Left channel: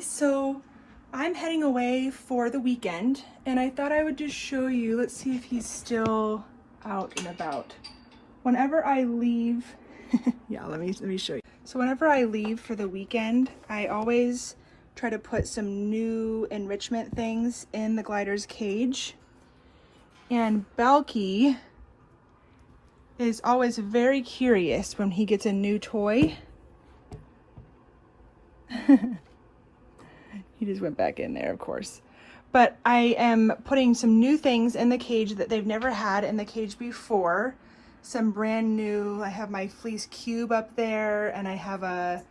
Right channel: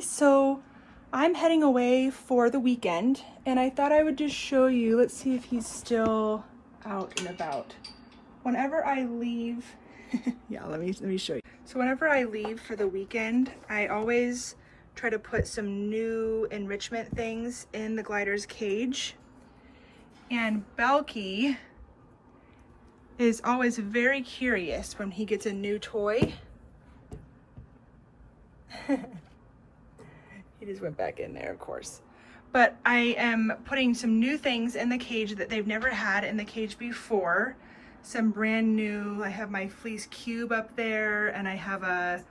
guys, so I'm heading away for the weekend and I thought I would just show you, let's see if he's still out and about. Whenever I leave, yeah, let me show you. So whenever I leave for the weekend, I always try to put some new enrichment things in the glider's cage. And Belky is always very curious when he gets a new toy. He just went back in there, of course. But I am putting some new things in the cage that they've never had in the cage before. Some brand new, I have my fleece cube up there, and I have a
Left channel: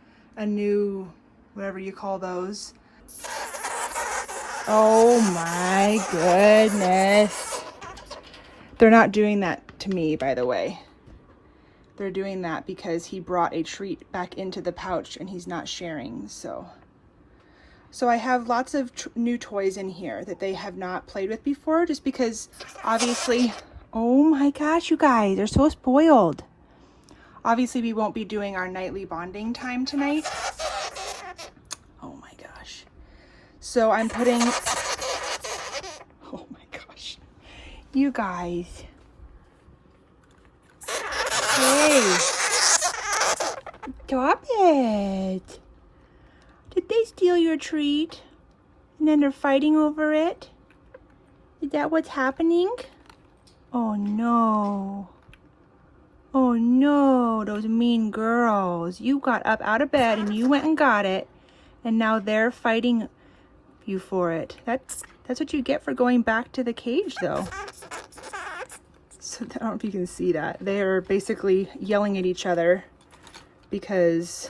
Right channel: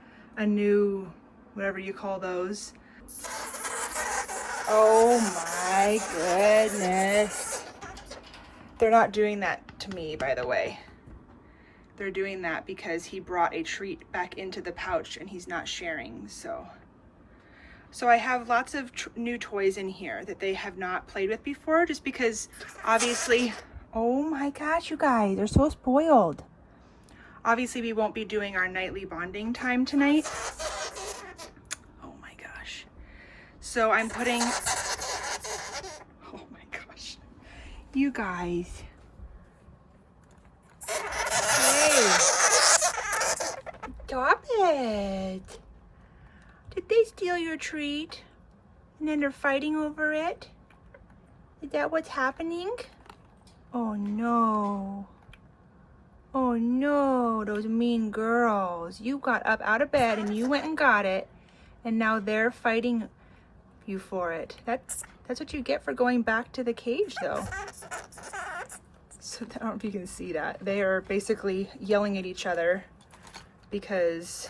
new, whatever you call those. Oh my goodness. They're not doing that to me, by the way. They're doing that because he brought a treat back into the pouch and he's not sharing, so I have lots of new toys in here that they have not played with before, just because obviously, oh my gosh, you guys are so spoiled. Obviously we won't be doing our nightly bonding time tonight. Oh my gosh. So I'm putting, oh my gosh, you guys. Hey, stop it. Did they steal your treat? And then they're fighting over it? Is that what's happening? Oh no. Oh no, those mean girls. You got up out of bed and you went and got it. And now they're fighting you for it. That's what you get for going back to the cage though. So I don't know if you can see that. They're basically yelling at each other because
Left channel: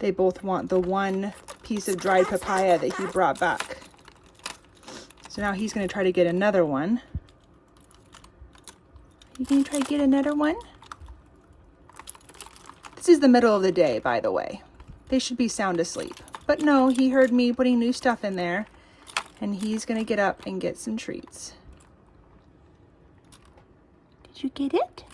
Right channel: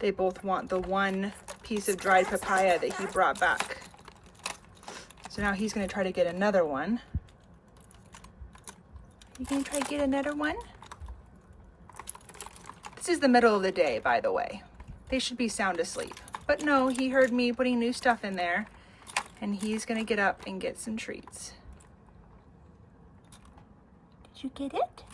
they both want the one piece of dried papaya that he brought back. So now he's going to try to get another one. You going to try to get another one? This is the middle of the day, by the way. They should be sound asleep. But no, he heard me putting new stuff in there, and he's going to get up and get some treats. Did you get it?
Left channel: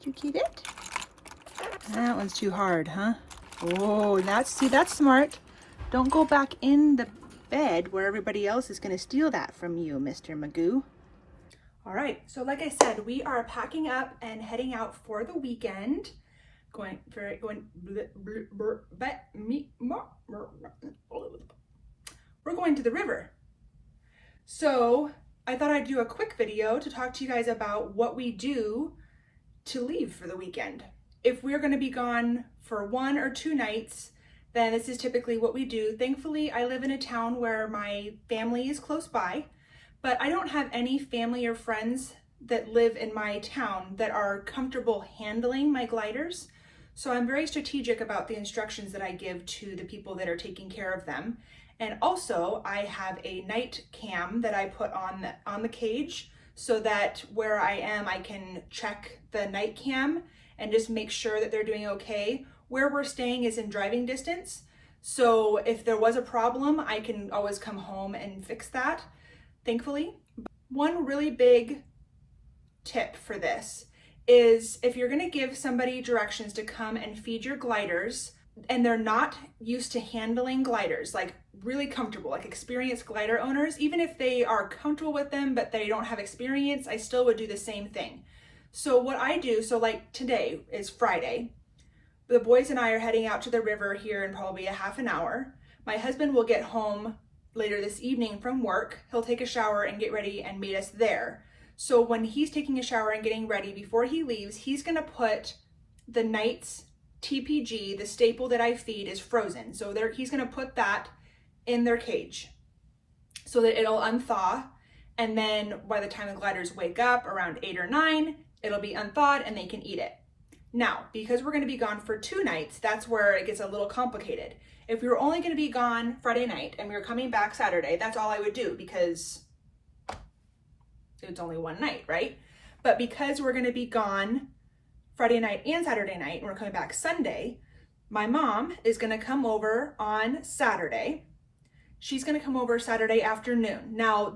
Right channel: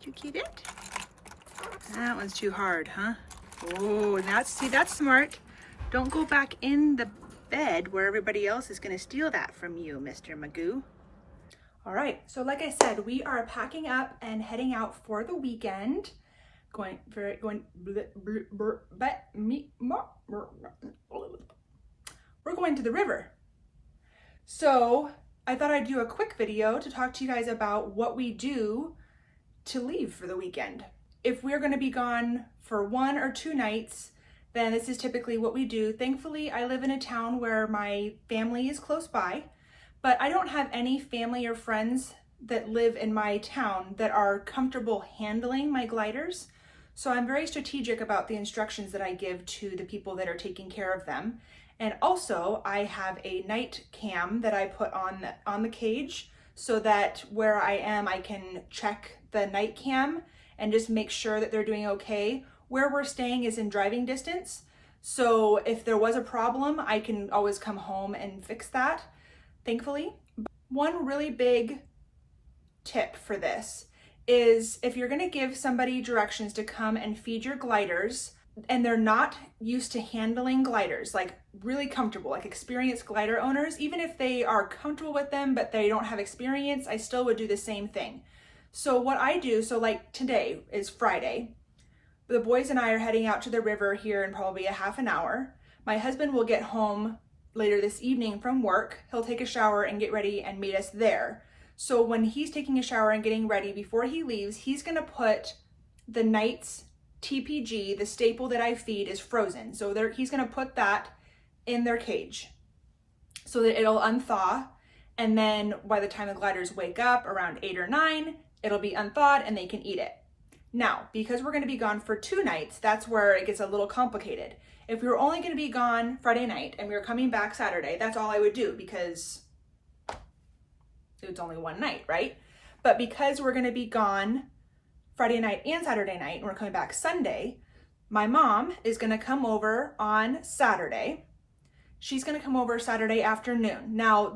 Did you get it? That one's too hard, huh? Whoa, that's smart. Don't go back in the bed where everybody else is going to steal that from you, Mr. Magoo. All right, so like I said, we are packing up and heading out for the weekend. We're going to the river. So I thought I'd do a quick video to talk to you guys about what we do to leave for the weekend. If we're going to be gone for 1 or 2 nights, then this is typically what we do. Thankfully, I live in a town where my family is close by, but I don't have any family or friends that live in my town that are comfortable handling my gliders. So I'm very strategic about the instructions that I give to the people that are taking care of them. And also I have a night cam that I put on the cage so that where I am, I can check the night cam and just make sure that they're doing okay. Where we're staying is in driving distance. So if there was a problem, I can always come home and fix that, thankfully. One really big tip for this is if you're gonna give somebody directions to come and feed your gliders and they're not used to handling gliders, like really comfortable, like experienced glider owners, even if they are comfortable with them but they don't have experience, I still would do the same thing. So what I do, so like today is Friday, the boys and I are heading out to the river here in probably a half an hour. My husband will get home later this evening from work. He'll take a shower and get ready and meet us there. So when he's taking a shower and getting ready, before he leaves, he's gonna put the night's TPG, the staple that I feed, is frozen. So he's gonna put that in their cage so that it'll unthaw. And then by the time the gliders wake up around 8 or 9, it'll be unthawed and they can eat it. Now, because we're gonna be gone for 2 nights, that's where it gets a little complicated. If we were only gonna be gone Friday night and we were coming back Saturday, that's all I would do because it's only 1 night, right? But because we're gonna be gone Friday night and Saturday night, and we're coming back Sunday, my mom is gonna come over on Saturday She's gonna come over Saturday afternoon. Now,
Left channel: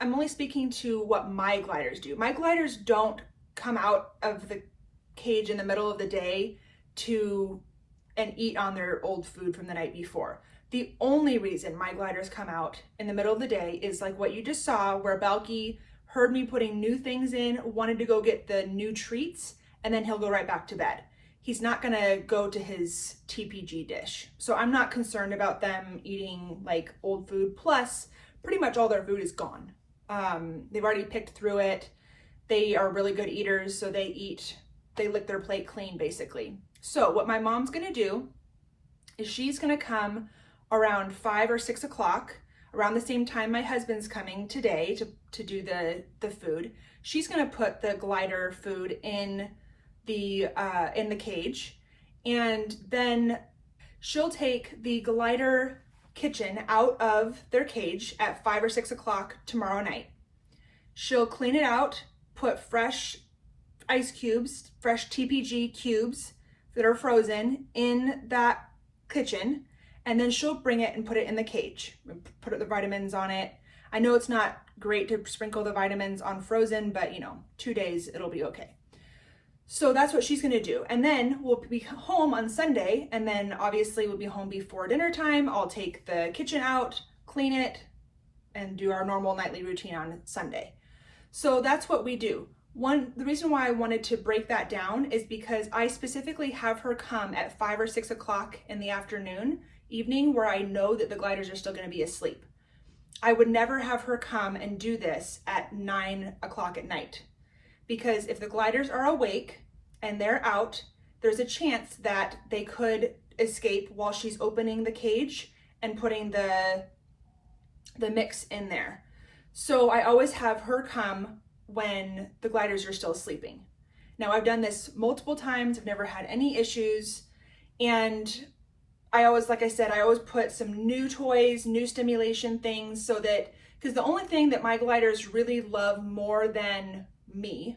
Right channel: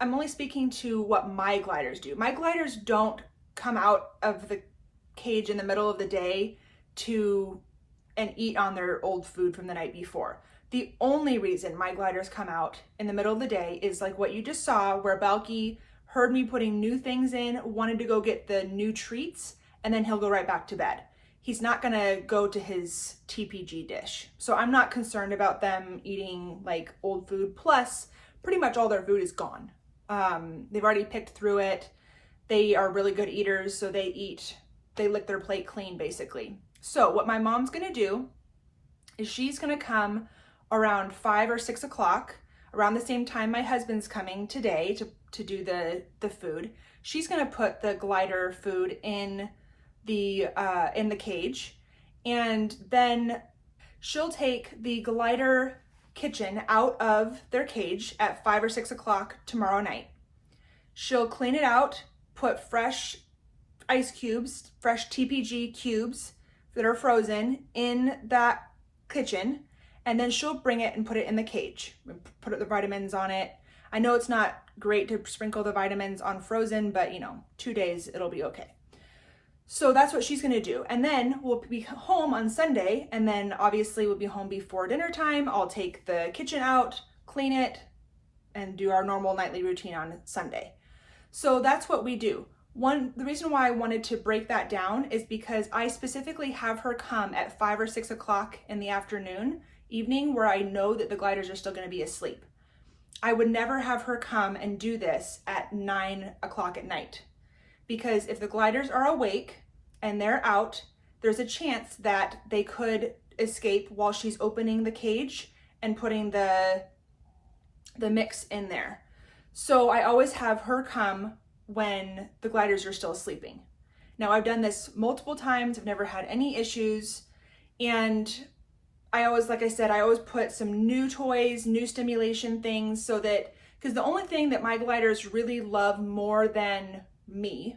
I'm only speaking to what my gliders do. My gliders don't come out of the cage in the middle of the day and eat on their old food from the night before. The only reason my gliders come out in the middle of the day is like what you just saw, where Balky heard me putting new things in, wanted to go get the new treats, and then he'll go right back to bed. He's not gonna go to his TPG dish. So I'm not concerned about them eating like old food. Plus, pretty much all their food is gone. They've already picked through it. They are really good eaters, so they lick their plate clean basically. So what my mom's gonna do is she's gonna come around 5 or 6 o'clock, around the same time my husband's coming today to do the food. She's gonna put the glider food in the cage, and then she'll take the glider kitchen out of their cage at 5 or 6 o'clock tomorrow night. She'll clean it out, put fresh ice cubes, fresh TPG cubes that are frozen in that kitchen, and then she'll bring it and put it in the cage, put the vitamins on it. I know it's not great to sprinkle the vitamins on frozen, but 2 days it'll be okay. So that's what she's gonna do. And then we'll be home on Sunday, and then obviously we'll be home before dinner time. I'll take the kitchen out, clean it, and do our normal nightly routine on Sunday. So that's what we do. The reason why I wanted to break that down is because I specifically have her come at 5 or 6 o'clock in the evening, where I know that the gliders are still gonna be asleep. I would never have her come and do this at 9 o'clock at night, because if the gliders are awake and they're out, there's a chance that they could escape while she's opening the cage and putting the mix in there. So I always have her come when the gliders are still sleeping. Now, I've done this multiple times. I've never had any issues. And I always, like I said, I always put some new toys, new stimulation things, so that, because the only thing that my gliders really love more than me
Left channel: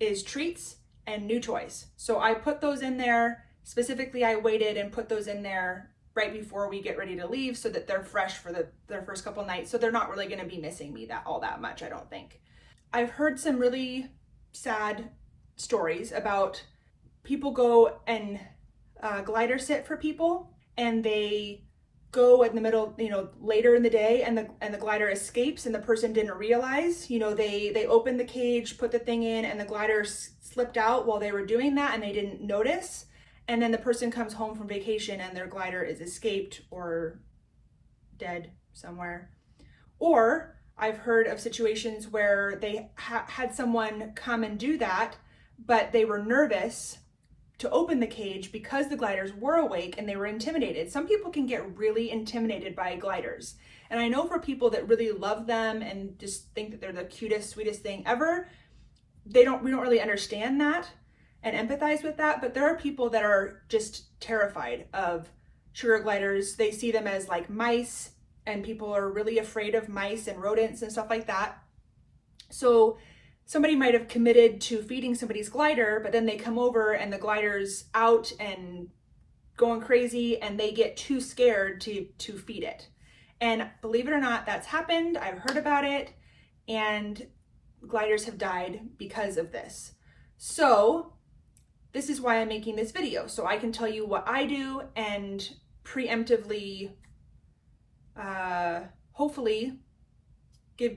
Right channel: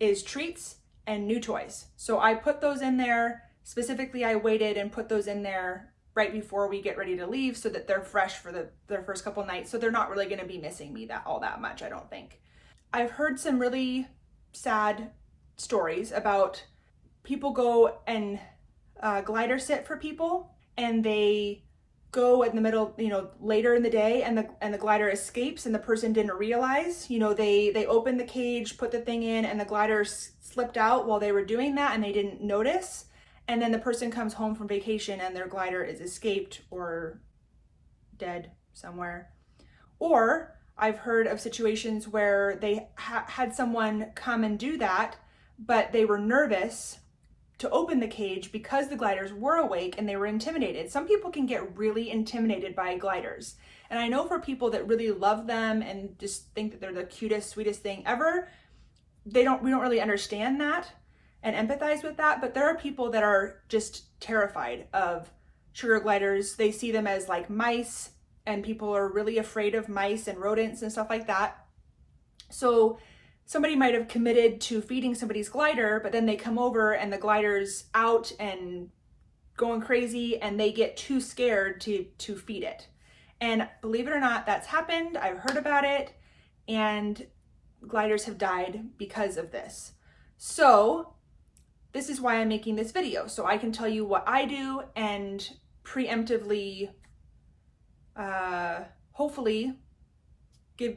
is treats and new toys. So I put those in there. Specifically, I waited and put those in there right before we get ready to leave, so that they're fresh for their first couple nights. So they're not really gonna be missing me all that much, I don't think. I've heard some really sad stories about people go and glider sit for people, and they go in the middle, later in the day, and the glider escapes, and the person didn't realize. They opened the cage, put the thing in, and the glider slipped out while they were doing that, and they didn't notice. And then the person comes home from vacation and their glider is escaped or dead somewhere. Or I've heard of situations where they had someone come and do that, but they were nervous to open the cage because the gliders were awake and they were intimidated. Some people can get really intimidated by gliders. And I know for people that really love them and just think that they're the cutest, sweetest thing ever, we don't really understand that and empathize with that. But there are people that are just terrified of sugar gliders. They see them as like mice, and people are really afraid of mice and rodents and stuff like that. So somebody might have committed to feeding somebody's glider, but then they come over and the glider's out and going crazy, and they get too scared to feed it. And believe it or not, that's happened. I've heard about it, and gliders have died because of this. So this is why I'm making this video, so I can tell you what I do and preemptively, hopefully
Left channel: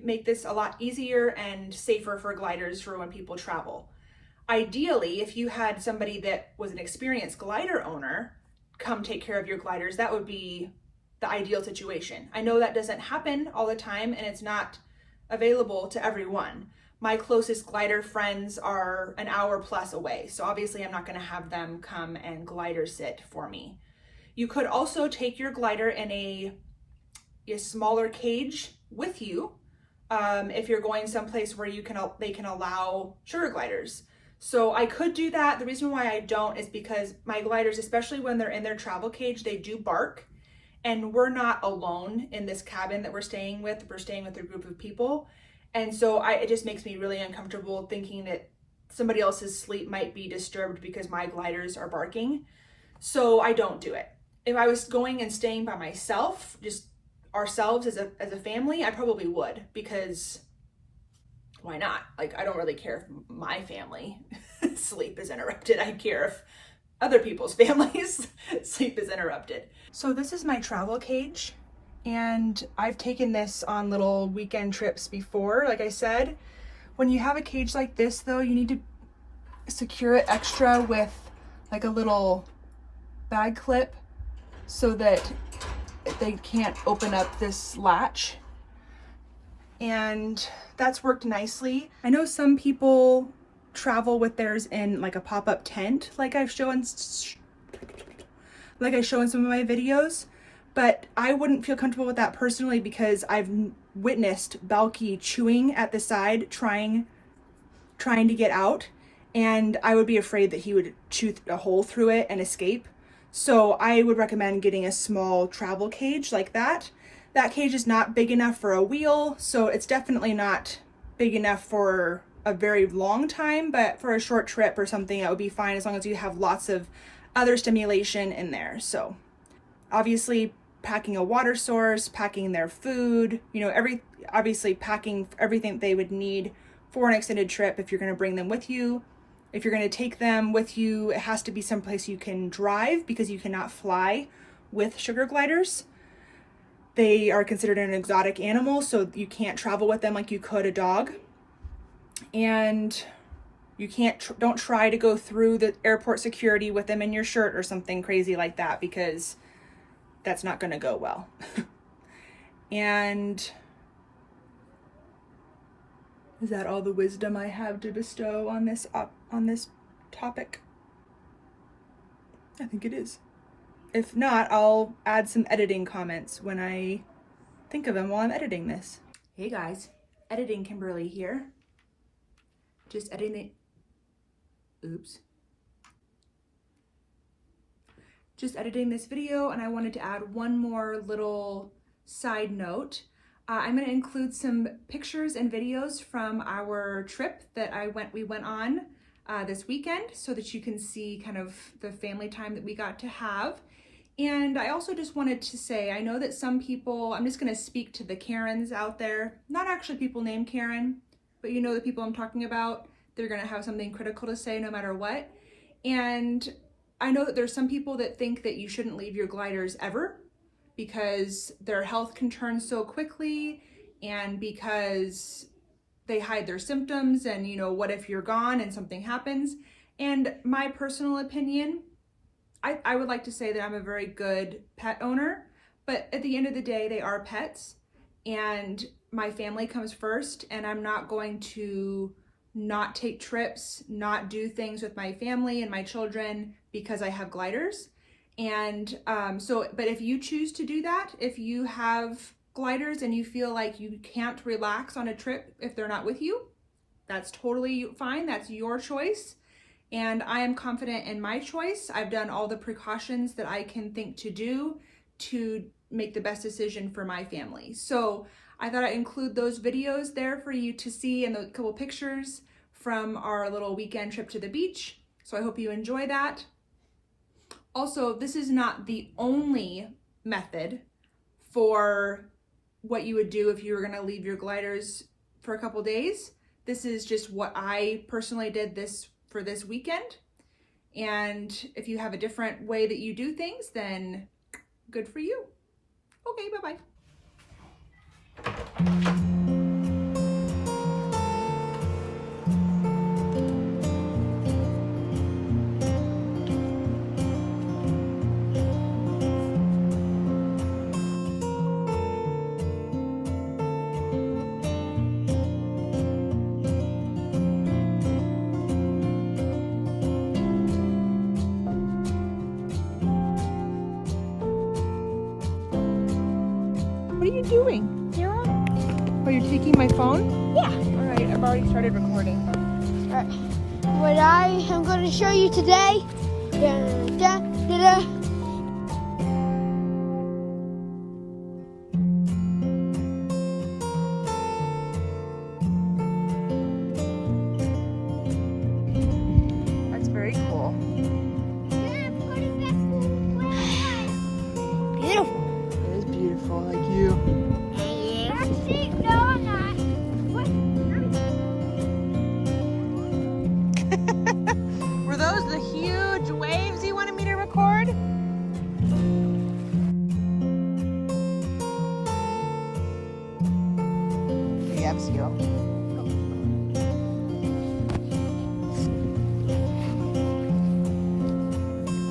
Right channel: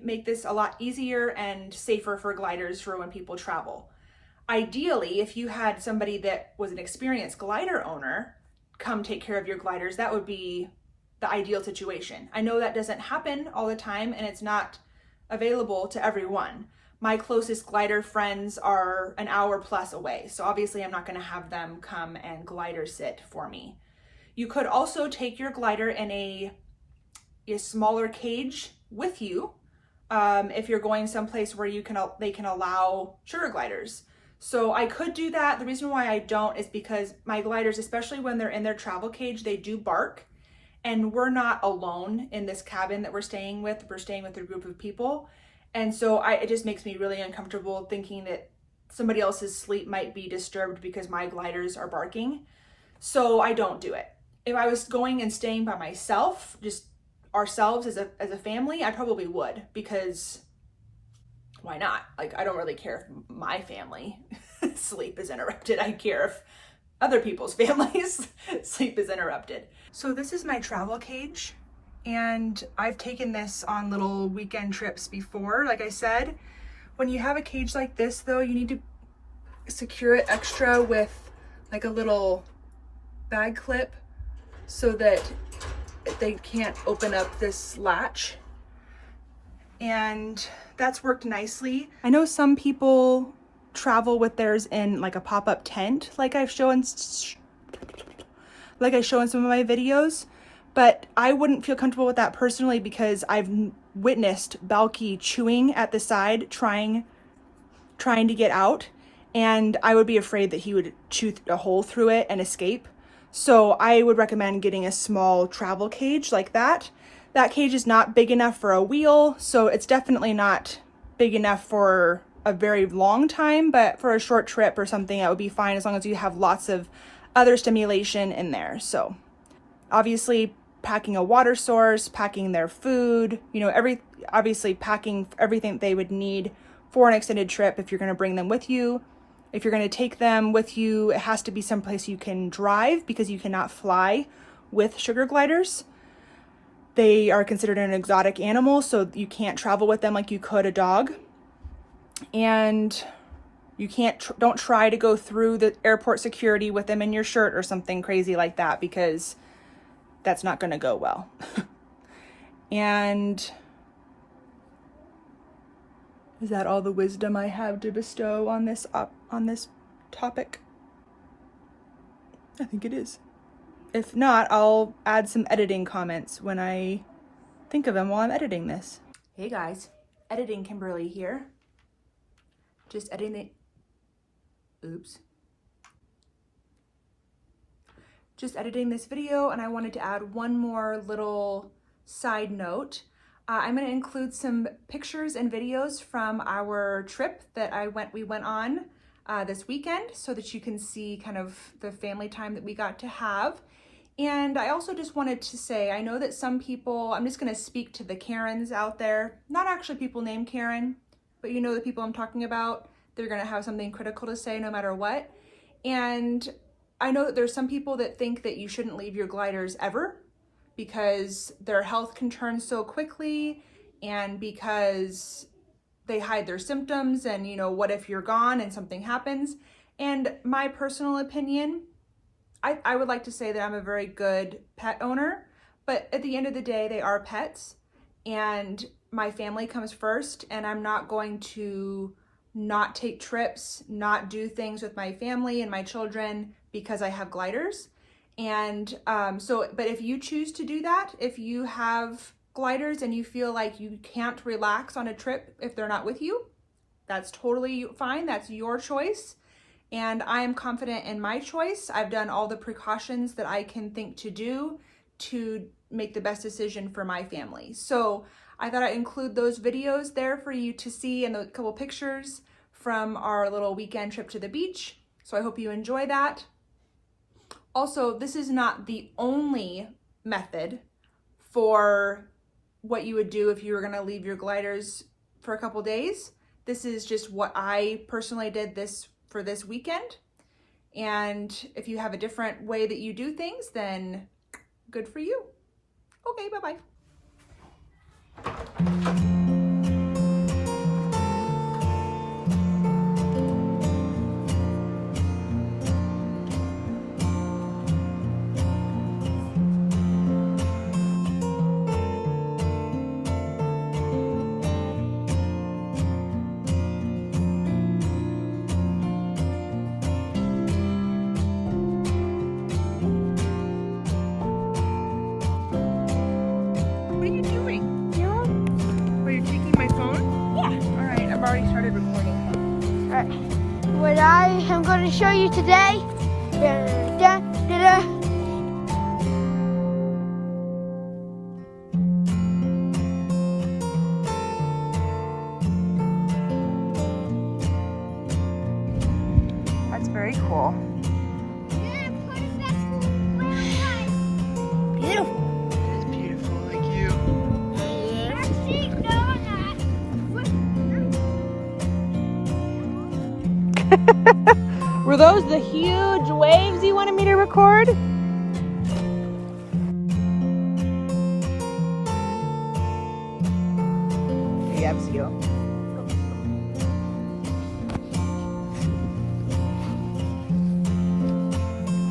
make this a lot easier and safer for gliders for when people travel. Ideally, if you had somebody that was an experienced glider owner come take care of your gliders, that would be the ideal situation. I know that doesn't happen all the time, and it's not available to everyone. My closest glider friends are an hour plus away, so obviously I'm not going to have them come and glider sit for me. You could also take your glider in a smaller cage with you, if you're going someplace where they can allow sugar gliders. So I could do that. The reason why I don't is because my gliders, especially when they're in their travel cage, they do bark, and we're not alone in this cabin that we're staying with. We're staying with a group of people. And so it just makes me really uncomfortable thinking that somebody else's sleep might be disturbed because my gliders are barking. So I don't do it. If I was going and staying by myself, just ourselves as a family, I probably would, because why not? Like, I don't really care if my family sleep is interrupted. I care if other people's families sleep is interrupted. So this is my travel cage, and I've taken this on little weekend trips before. Like I said, when you have a cage like this though, you need to secure it extra with like a little bag clip so that they can't open up this latch. And that's worked nicely. I know some people travel with theirs in like a pop-up tent, like I show in some of my videos, but I wouldn't feel comfortable with that personally because I've witnessed Balky chewing at the side, trying to get out, and I would be afraid that he would chew a hole through it and escape. So I would recommend getting a small travel cage like that. That cage is not big enough for a wheel, so it's definitely not big enough for a very long time, but for a short trip or something, that would be fine as long as you have lots of other stimulation in there. So obviously packing a water source, packing their food, you know, obviously packing everything they would need for an extended trip. If you're going to bring them with you, if you're going to take them with you, it has to be someplace you can drive, because you cannot fly with sugar gliders. They are considered an exotic animal, so you can't travel with them like you could a dog. And you don't try to go through the airport security with them in your shirt or something crazy like that, because that's not going to go well. And is that all the wisdom I have to bestow on this topic? I think it is. If not, I'll add some editing comments when I think of them while I'm editing this. Hey guys, editing Kimberly here. Just editing this video, and I wanted to add one more little side note. I'm going to include some pictures and videos from our trip that we went on this weekend, so that you can see kind of the family time that we got to have. And I also just wanted to say, I know that some people, I'm just going to speak to the Karens out there, not actually people named Karen, but you know the people I'm talking about. They're going to have something critical to say no matter what. And I know that there's some people that think that you shouldn't leave your gliders ever, because their health can turn so quickly, and because they hide their symptoms, and you know, what if you're gone and something happens? And my personal opinion, I would like to say that I'm a very good pet owner, but at the end of the day, they are pets, and my family comes first, and I'm not going to not take trips, not do things with my family and my children because I have gliders. And but if you choose to do that, if you have gliders and you feel like you can't relax on a trip if they're not with you, that's totally fine. That's your choice. And I am confident in my choice. I've done all the precautions that I can think to do to make the best decision for my family. So I thought I'd include those videos there for you to see, and a couple pictures from our little weekend trip to the beach. So I hope you enjoy that. Also, this is not the only method for what you would do if you were going to leave your gliders for a couple days. This is just what I personally did for this weekend. And if you have a different way that you do things, then good for you. Okay, bye-bye. What are you doing, Kara? Are you taking my phone? Yeah. All right, I've already started recording. All right. What I am going to show you today. Da, da, da, da. That's very cool. Beautiful. It is beautiful, like you. those the huge waves you wanted me to record? He loves you.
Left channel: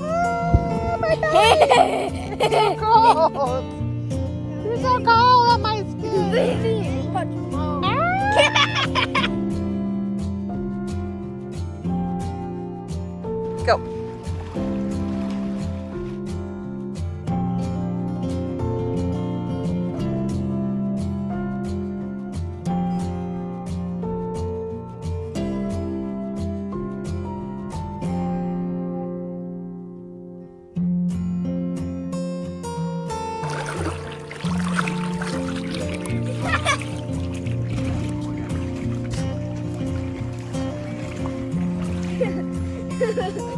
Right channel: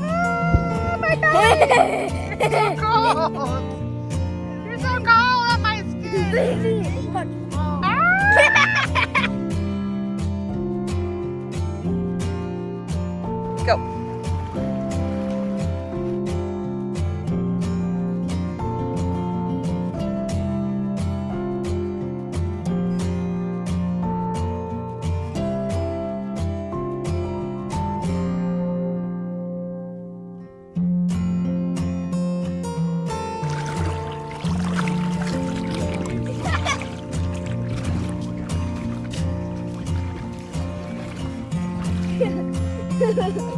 Oh my God! It's so cold! You're so cold on my skin! Go.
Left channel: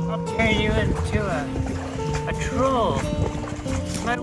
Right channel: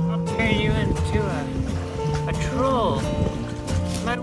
I'll turn you into a troll. My